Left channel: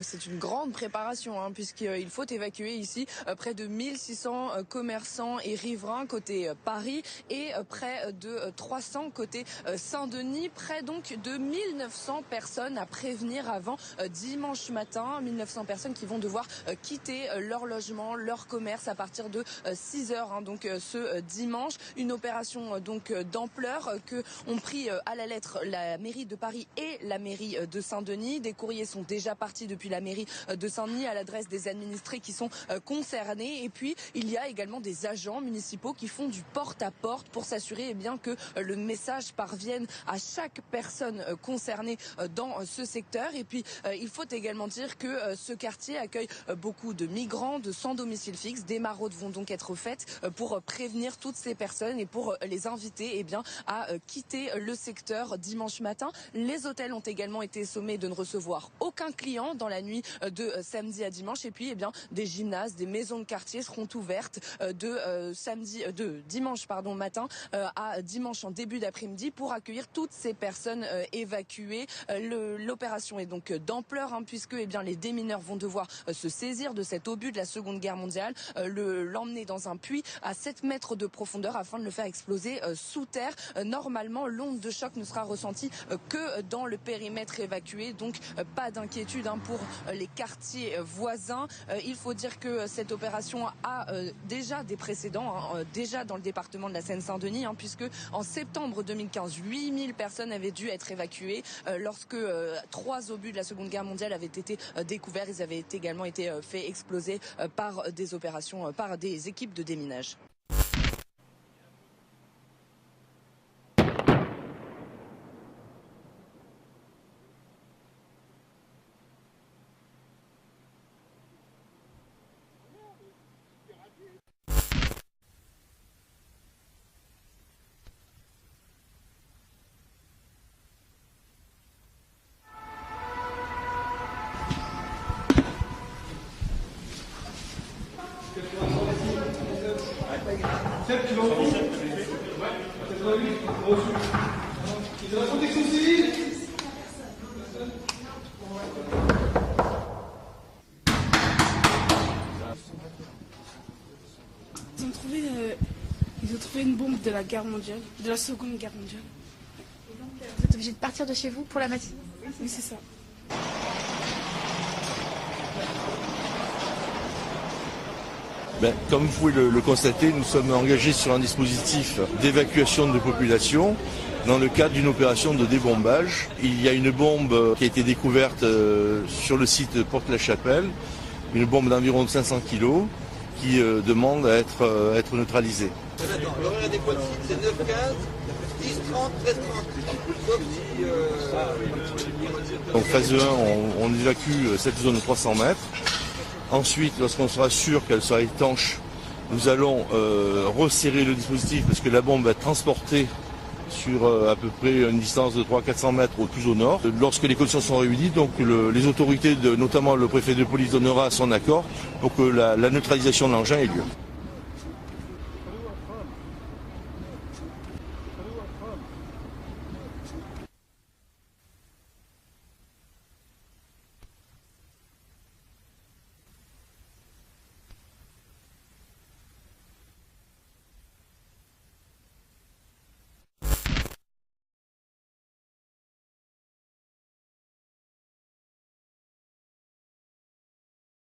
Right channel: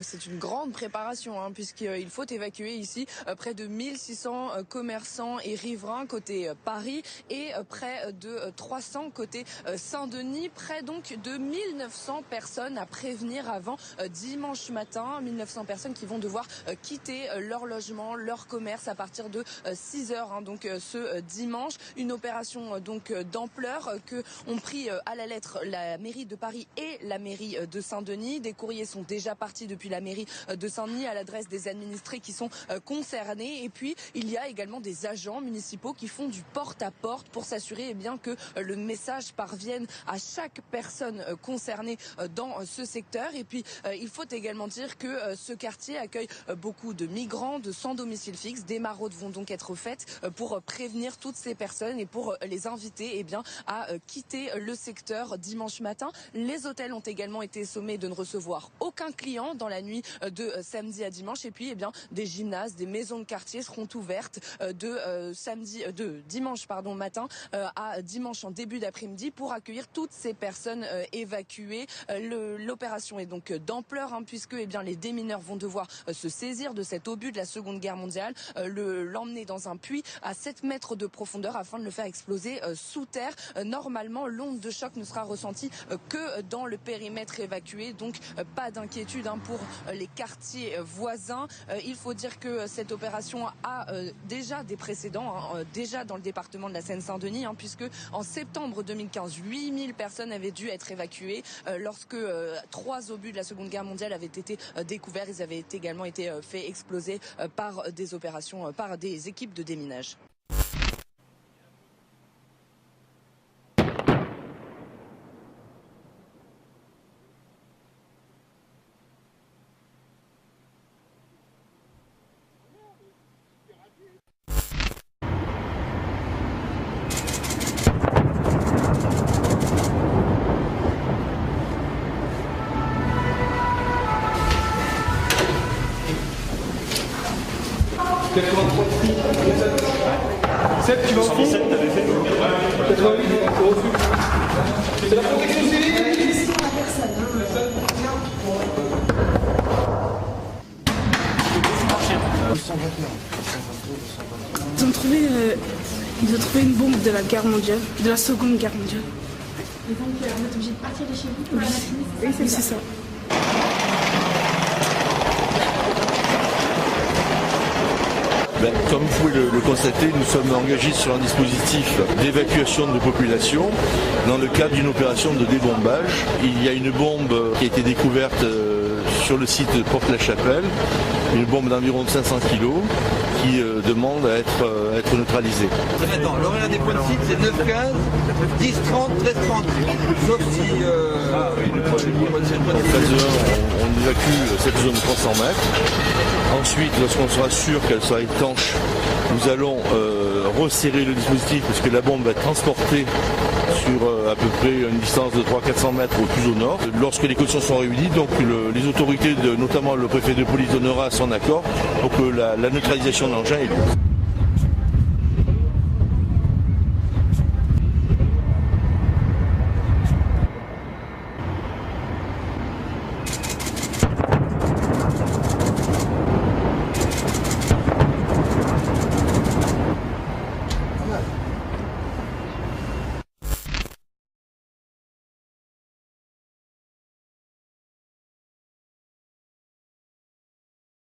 C'est une grande préparation puisqu'il faut évacuer ici près de 1600 commerçants et riverains côté Paris et près de 300 côté Saint-Denis. Près donc de 1900 personnes à prévenir avant dimanche matin. 1900 personnes qui vont devoir quitter leur logement, leur commerce à partir de 6 heures donc ce dimanche. Une opération donc d'ampleur que ont pris à la lettre la mairie de Paris et la mairie de Saint-Denis. Des courriers sont déjà partis depuis la mairie de Saint-Denis à l'adresse des administrés qui sont concernés. Et puis il y a également des agents municipaux qui font du porte-à-porte pour s'assurer que le message parvienne à chaque personne concernée dans ce secteur. Et puis il faut également dire que ce quartier accueille beaucoup de migrants, de sans domicile fixe. Des maraudes vont donc être faites pour prévenir toutes ces personnes et pour les inviter à quitter le secteur dimanche matin. Les hôtels ont également été sommés de ne recevoir aucun client dans la nuit de samedi à dimanche. Et puis des gymnases, des maisons de quartier seront ouvertes de dimanche matin à dimanche en début d'après-midi pour accueillir toutes ces personnes évacuées. L'opération est donc d'ampleur puisque les démineurs vont devoir se saisir de cet obus de la Seconde Guerre mondiale, l'emmener dans un puits à 7 mètres de profondeur afin de le faire exploser sous terre. Normalement, l'onde de choc ne sera ressentie que dans le périmètre évacué, donc pas d'inquiétude pour les quartiers voisins. Il faut dire que cette opération a déjà des précédents, déjà dans le département de la Seine-Saint-Denis, puisque en septembre 2015, 8000 personnes avaient dû être évacuées lorsque 3 obus de la Seconde Guerre mondiale avaient été découverts. Ils avaient également été faits exploser par des opérations, par des équipes de déminage. Tu vas au fond. 117, t'avais fait 88, c'est la protection civile. Ils ont trouvé une bombe de la guerre mondiale, de la Seconde Guerre mondiale. Et donc vous êtes obligé de partir de chez vous pour la matinée? Oui, c'est ça. Comme vous pouvez le constater, nous sommes engagés sur un dispositif d'évacuation de population dans le cadre d'une opération de débombage. Il y a une bombe qui a été découverte sur le site de Porte-la-Chapelle, une bombe d'environ 500 kg qui demande à être neutralisée. Attends, l'horaire des points de site c'est 9h15, 10h30, 13h30. Sauf si... En phase 1, on évacue cette zone de 300 mètres. Ensuite, lorsqu'on sera sûr qu'elle sera étanche, nous allons resserrer le dispositif parce que la bombe va être transportée sur à peu près une distance de 300-400 mètres au plus au nord. Lorsque les conditions sont réunies, donc les autorités, notamment le préfet de police, donnera son accord pour que la neutralisation de l'engin ait lieu.